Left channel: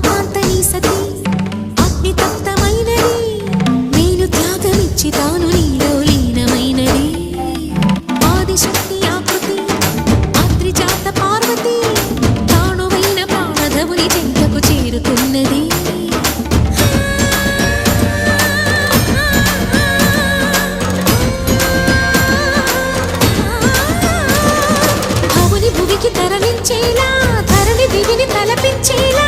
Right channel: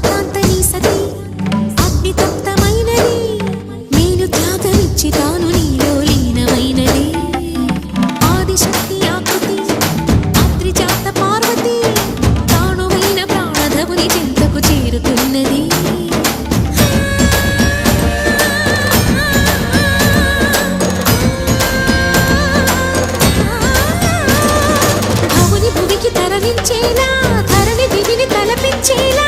కాంత నీ సతి అగ్ని తప్తమైనది మేలు త్యాగమిచ్చి తాను నీలో లీనమైనది ఆదిశక్తి ఆకృతి అత్రిజాత పార్వతి తానువైన ప్రాణధవుని చెంతకు చేరుతున్నది భువికి తరలించేలా ధరణి దివిని తలపించేలా